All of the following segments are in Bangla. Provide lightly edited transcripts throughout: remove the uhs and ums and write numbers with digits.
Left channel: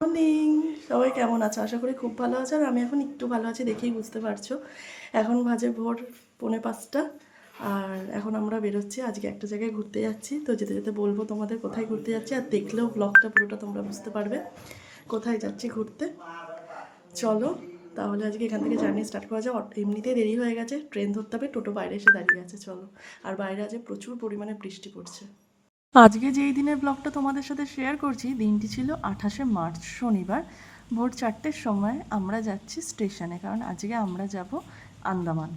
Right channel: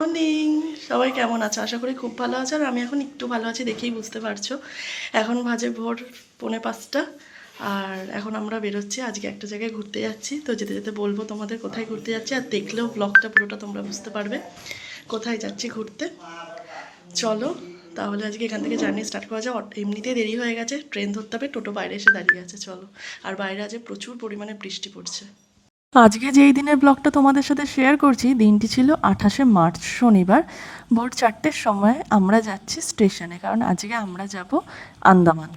মর্নিং, সবাই কেমন আছো? আশা করি খুব ভালো আছো। আর আমি এখন একটু ভালো আছি, দেখেই বুঝতে পারছো। এখন বাজে ভোর 4:45। আর এখন আমরা বেরোচ্ছি, আজকে একটা জায়গায় ঘুরতে যাচ্ছি। তো যেতে যেতে বলবো তোমাদের কোথায় ঘুরতে যাচ্ছি, আর দেখলেও ব্লগটা পুরোটা তোমরা বুঝতে পারবে কোথায় যাচ্ছি ঘুরতে। চলো তাহলে আজকে এখান থেকে জার্নি স্টার্ট করা যায়। এমনিতেই দেরি হয়ে গেছে, ট্রেন ধরতে হবে, টোটো বাইরে এসে দাঁড়িয়ে আছে। চলো। আর বাইরে আজ প্রচুর পরিমাণে বৃষ্টি পড়ছে। আজকে যেই দিনের ব্লগটা তোমাদের সাথে শেয়ার করছি, দিনটি ছিল 28শে মার্চ, শনিবার। ভোর 4টের সময় আমরা যাচ্ছি স্টেশনে, কারণ আজকে আমরা যাব আন্দামান।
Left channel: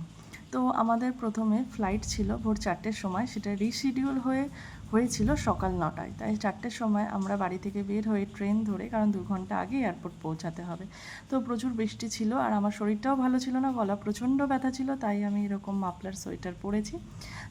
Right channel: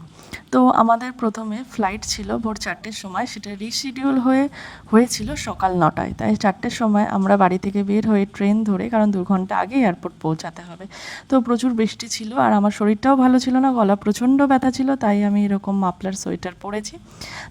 তো আমাদের প্রথমে ফ্লাইট ছিল ভোর 4টের সময়, সেটা রিশিডিউল হয়েছিল সকাল 9টায়। তাই 4টের সময় আমরা বাড়ি থেকে বের হয়ে ট্রেন ধরে, কারণ 2 ঘন্টা আগে এয়ারপোর্ট পৌঁছাতে হবে। তো প্রচুর বৃষ্টি ছিল, আর আমার শরীরটাও ভালো ছিল না, গলা প্রচণ্ড ব্যথা ছিল, তাই আমি এরকম মাফলার সোয়েটার পরেছি।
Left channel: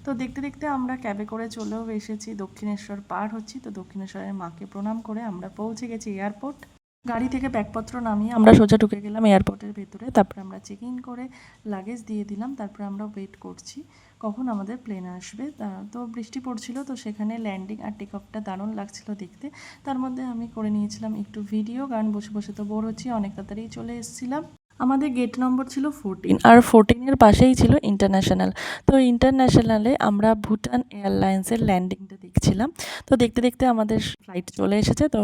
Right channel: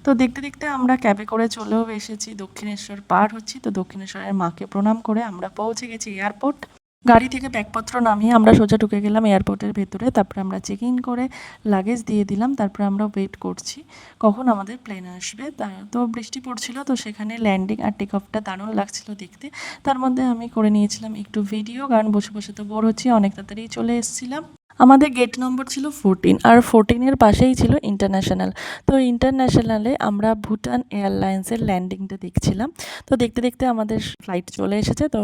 তো দেখতে দেখতে আমরা ক্যাবে করে চলেও এসেছি, দক্ষিণেশ্বর পার হচ্ছি। তো দক্ষিণেশ্বরের মাকে প্রণাম করে আমরা পৌঁছে গেছি এয়ারপোর্ট। গাড়ি থেকে ব্যাগপত্র নামিয়ে আমরা সোজা ঢুকে গেলাম এয়ারপোর্টের ভেতরে। তারপরে আমরা চেক ইন করে লাগেজ দিয়ে দিলাম। তারপরে আমরা ওয়েট করছি কখন আমাদের প্লেন আসবে। তো বৃষ্টি পড়ছিল, তো সেখানে ল্যান্ডিং আর টেক অফটা দারুণ লাগছিল দেখতে। তার মধ্যে আমি করে নিয়েছিলাম একটু ভিডিও, কারণ বসে বসে তো বোর হচ্ছি, অনেক তাড়াতাড়ি চলে এসেছিলাম। আমাদের গেট নম্বর ছিল 14, আর 14-এর পাশেই ছিল ইন্টারন্যাশনাল। তো ইন্টারন্যাশনালে আমরা ভুটান এয়ারলাইন্সের ল্যান্ডিংটা দেখছিলাম। তো দেখতে দেখতে আমাদের ফ্লাইট চলে এসেছে। তো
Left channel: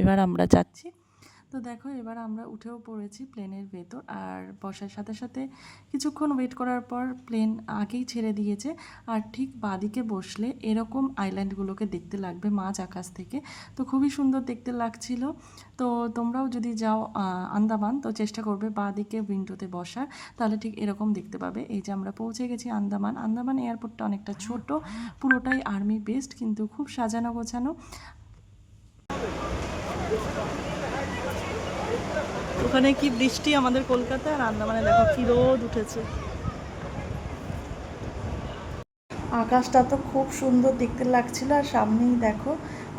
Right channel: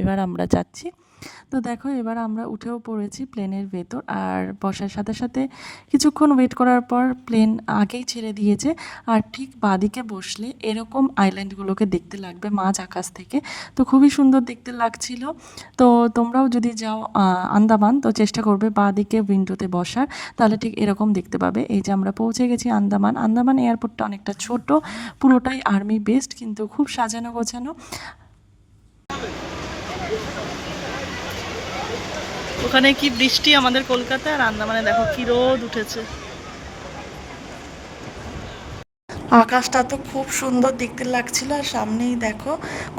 এবার আমরা যাচ্ছি। তো দেখো, এবার আমরা উঠেও পড়েছি প্লেনের ভেতর। আর বসার সাথে সাথে কিছুক্ষণ ওয়েট করার পর প্লেন আগেই ছেড়ে দিয়েছে। আর ঠিক বাঁদিকে বসলে এরকম আইল্যান্ডগুলোকে দেখতে লাগবে মাঝ আকাশ থেকে। তো খুবই সুন্দর দেখতে লাগছিল। তো তোমরাও যদি যাও আন্দামান, তো চেষ্টা করবে বাঁদিকে উইন্ডোতে বসার, তাহলে ঠিক এরকম দেখতে পাবে। এই যে আমরা পৌঁছে গেছি আন্দামান। আন্দামান এয়ারপোর্টটা অনেকটা ছোট, পুরোটাই আর্মি বেসড, কিন্তু খুব সাজানো গোছানো। ওখানে কি বৃষ্টি আমাদের কলকাতায়, আর আন্দামানে দেখো কি রোদ উঠেছে। আকাশটা তো খুব সুন্দর দেখতে লাগছিল। আর সামনেই দেখো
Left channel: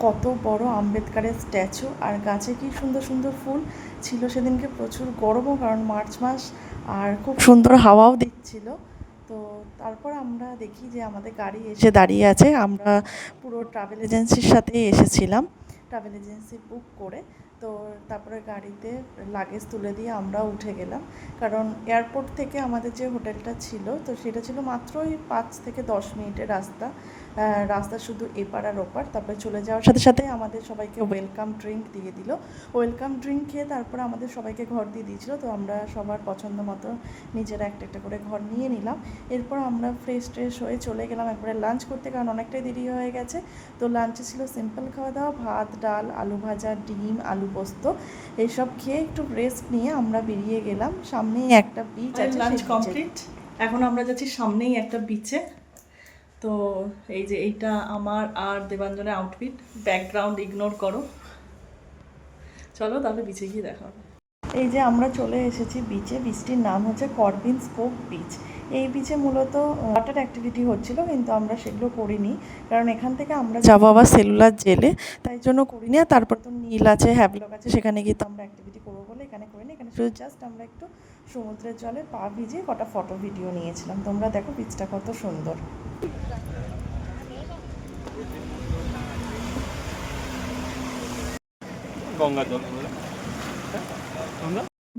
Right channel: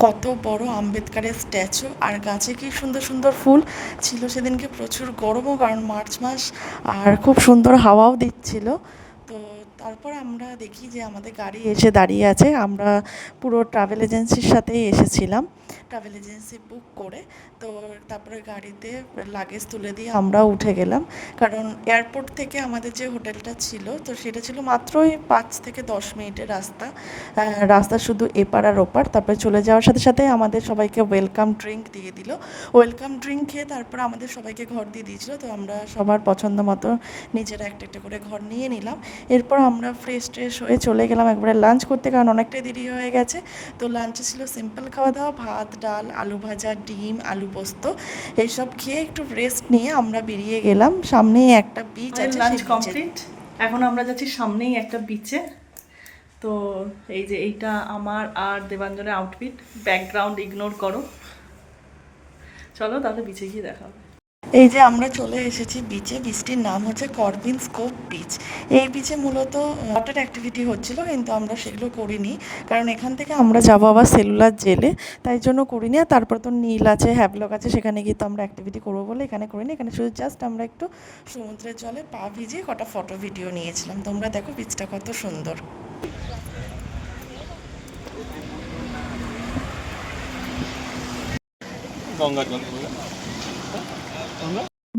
কত বড় আম্বেদকারের স্ট্যাচু, আর গাছে কি সুন্দর সুন্দর ফুল ছিল। সেদিনকে প্রচুর গরমও, কারণ মার্চ মাস, আর খুব সুন্দর হাওয়াও দিচ্ছিল। তো তারপর আমরা দেখি যে আমাদের গাড়ি এসে দাঁড়িয়ে আছে। আমরা পুরো ট্রাভেল এজেন্সির সাথেই এসেছিলাম, ট্রাভেল এজেন্সি বুক করে। তো তারপরে গাড়িতে লাগেজ তুলে দিয়ে আমরাও উঠে গেলাম, কারণ এয়ারপোর্ট থেকে আমাদের যে হোটেলটা ছিল, তো সেটা ছিল মাত্রই 5 থেকে 10 মিনিটের রাস্তা। রাস্তা শুধু এপার আর ওপার। তারপরে চলে যাওয়ার সাথে সাথে আমাদের সবাইকে ওয়েলকাম ড্রিঙ্ক দিয়ে দিল। ওয়েলকাম ড্রিঙ্ক খেয়ে তারপরে আমাদের সবাইকে ঘর দিয়ে দিয়েছিল। তো আমরা সবার পছন্দ মতো নিজেরা একটা একটা করে ঘর নিয়ে নিলাম। এরপর আমরা ফ্রেশ ট্রেশ হয়ে চলে গেলাম একবারে লাঞ্চ করতে, কারণ অনেকটাই দেরি হয়ে গেছে। তো লাঞ্চে ছিল সিম্পল খাওয়া দাওয়া, ভাত ডাল আলু ভাজা ডিম আলু পোস্ত, এইসব খেয়ে একটু রেস্ট নিয়ে আমরা বেরিয়ে গেলাম। সামনেই একটা বিচ আছে, লাঞ্চ কমপ্লিট। এখন আমরা যাচ্ছি সামনেই একটা বিচে। তো এই যে এইটা আমার আর দেবাঞ্জনের আউটফিট, ব্যাকগ্রাউন্ড ইগনোর করো। চলো তাহলে বিচে গিয়ে দেখা হবে। এই যে আমরা চলে এসেছি বিচে। বিচটির নাম হচ্ছে করবিনস কোভ বিচ। এই বিচে মূলত ওয়াটার অ্যাক্টিভিটি হচ্ছিল, কিন্তু আমরা সেগুলো করিনি, কারণ এখান থেকে আমরা যাবো আবার সেলুলার জেলে, তাই জন্য করিনি। আর তারপর তো নীল আছে, হ্যাভলক আছে, সেখানে গিয়ে তো আমরা অ্যাক্টিভিটি করবো বলে এখানে করিনি। এখানে শুধু জাস্ট আমরা একটু সমুদ্রের জলে পা ভিজিয়ে কটা ফটো ভিডিও নিয়েছিলাম। তোমরা দেখো বিচটা কত সুন্দর। গঙ্গা জল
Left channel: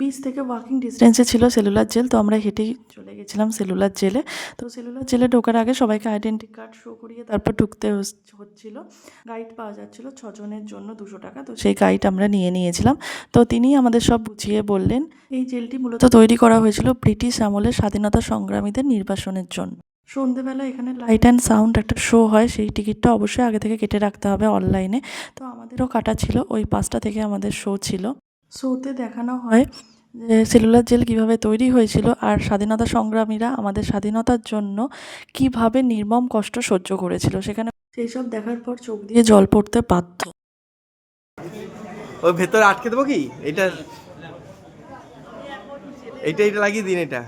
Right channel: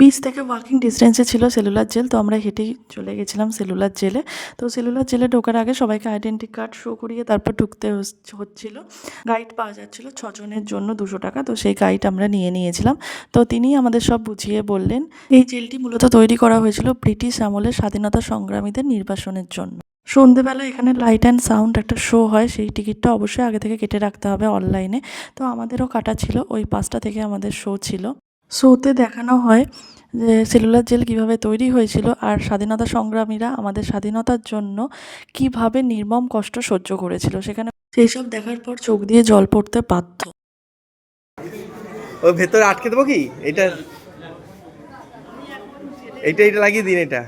বিচ থেকে ওয়াকিং ডিস্টেন্সে ছিল সেলুলার জেল। তো আমরা হেঁটেই চলে গেছিলাম সেলুলার জেলে। তো সেলুলার জেলে ঢোকার আগে সবাইকে আইডেন্টি কার্ড শো করিয়ে তারপর ঢুকতে হচ্ছিল। গাইড পাওয়া যাচ্ছিল 6 জনের জন্য 200 টাকা। তো সেই গাইড আমরা নিয়েছিলাম। তো তিনি আমাদের সব বুঝিয়ে বললেন। এই জেলটি মূলত তৈরি করা হয়েছিল ব্রিটিশ আমলের স্বাধীনতা সংগ্রামীদের নির্বাসনের জন্য। সন্ধেবেলা এখানে লাইট অ্যান্ড সাউন্ড একটা শো হয়, সেই টিকিটটা অবশ্যই আগে থেকে কেটে রাখতে হবে অনলাইনে। তো আমাদেরও কাটা ছিল, ওই 5টা থেকে আমাদের শো ছিল। শোতে দেখানো হয় যে সেলুলার জেল কীভাবে তৈরি হয়েছিল, আর স্বাধীনতা সংগ্রামীরা আমাদের স্বাধীনতার জন্য কিভাবে নির্মম কষ্ট সহ্য করেছিল। সেখানে সেই সব দেখার পর চোখ দিয়ে জল পড়তে বাধ্য। ওই ভেতরে আটকে দেবো কি এটা এইটা এটা লাগিয়ে দিন এটা।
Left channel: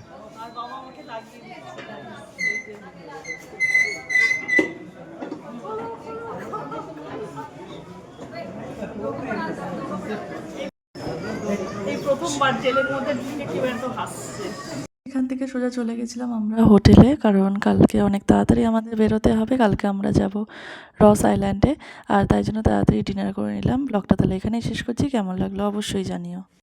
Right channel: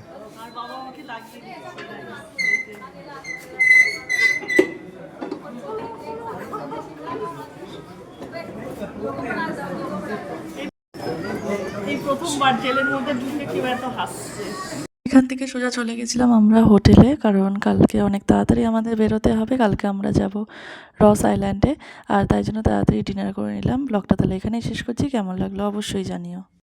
এই প্রথমবার জেলের মধ্যে ঢুকে কেউ এত হাসছে। এখান থেকে সোজা চলে গেছিলাম আমরা হোটেলে, কারণ কালকে অনেক তাড়াতাড়ি আমাদের বেরোতে হবে। কালকে আমরা যাব রস আইল্যান্ডে, আর তাই জন্য তাড়াতাড়ি ডিনার করে নিলাম। ব্লগটা তাহলে এখানেই শেষ করছি। কেমন লাগলো অবশ্যই জানিও।